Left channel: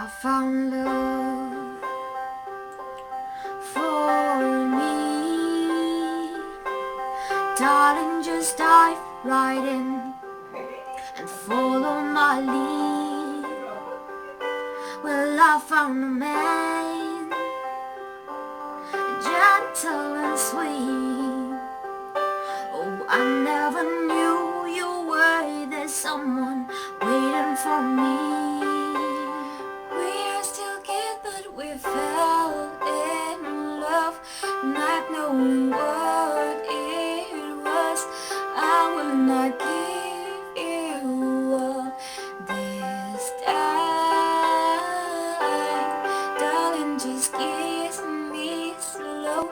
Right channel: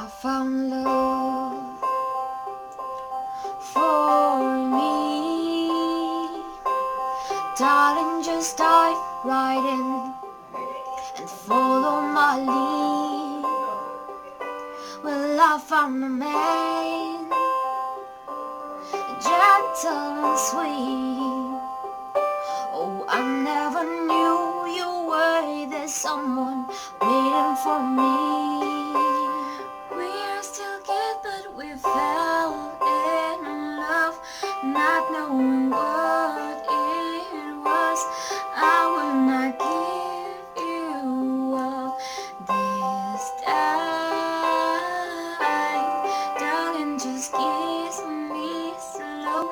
I found love for me. Darling, just dive right in and follow my lead. Well, I found a man, gentle and sweet. Oh, I never knew you were there, someone waiting for me. We are still kids, but we fell in love, not knowing what it was. I will not give you up this time. Darling, just kiss me slow.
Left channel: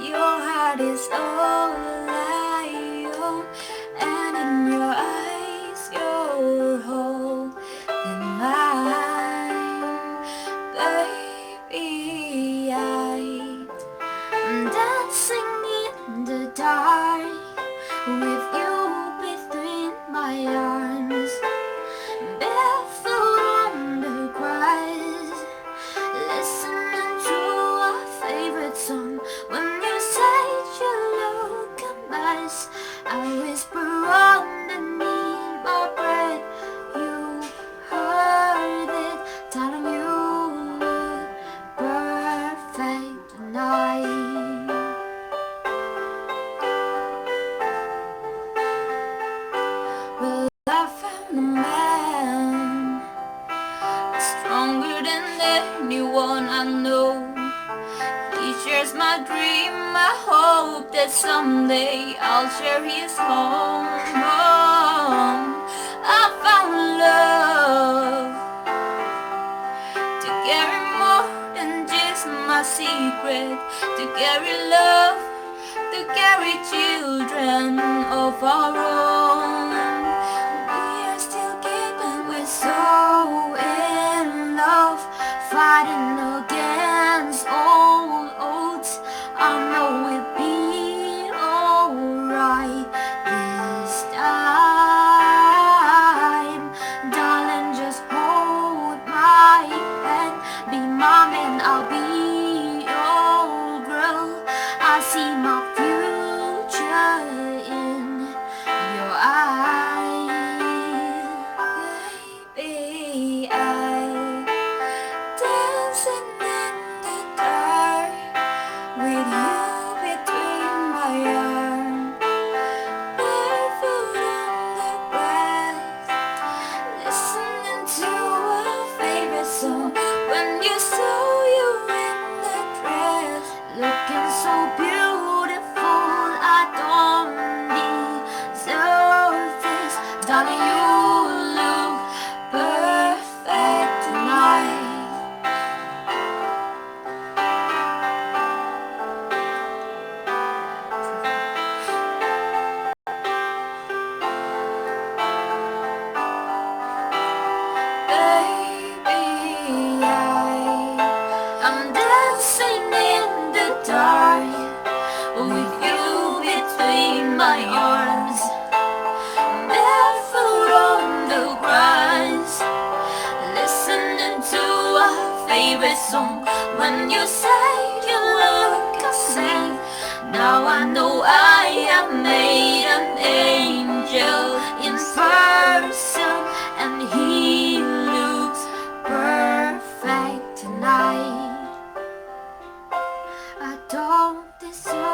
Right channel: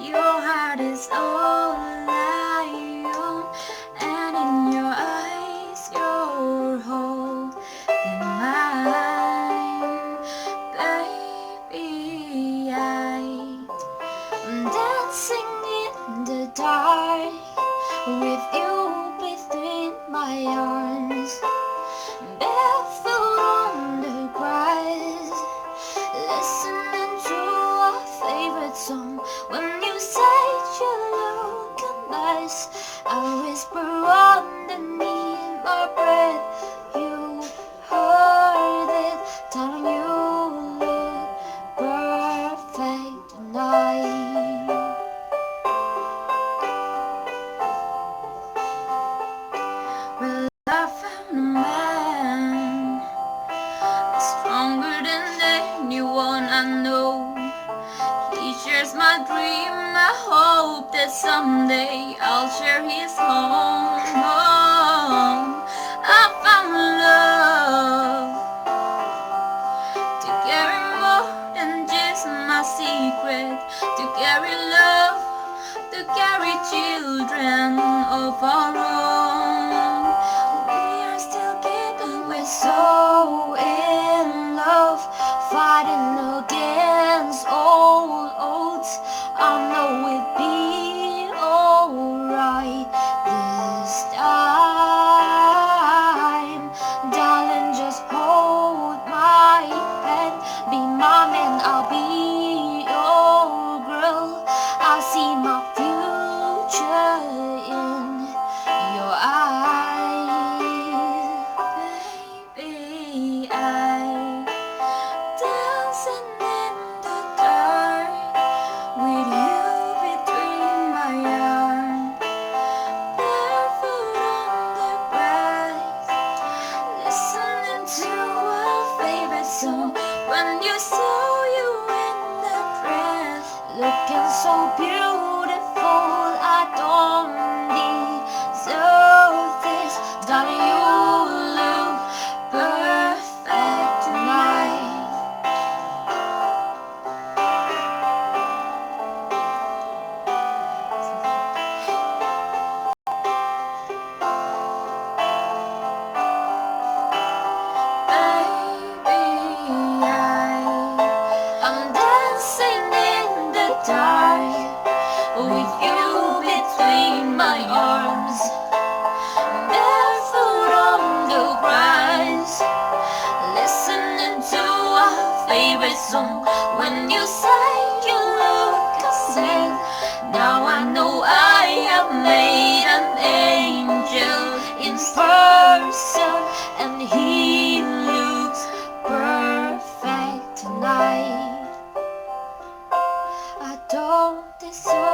Your heart is all I own, and in your eyes you're holding mine. Baby, I'm dancing in the dark with you between my arms, barefoot on the grass, listening to our favorite song. When you say you look a mess, I whisper underneath my breath. You heard it, telling you look perfect tonight. Well, I found a man stronger than anyone I know. He shares my dream. I hope that someday I'll share his home. I found love to carry more than just my secret, to carry love, to carry children of our own. We are still keeping, we're so in love, fighting against all odds. I know we'll be alright this time. Darling, just hold my hand, be my man, I'll be your girl. I see my future in your eyes. Baby, I'm dancing in the dark with you between my arms, barefoot on the grass, listening to our favorite song. When you saw you in the dress, looking so beautiful, I don't deserve this. Darling, you look perfect tonight. Baby, I'm dancing in the dark with you between my arms, barefoot on the grass, listening to our favorite song. When you say you look a saint, now I know I have made an angel in person, and he looks perfect tonight. I don't deserve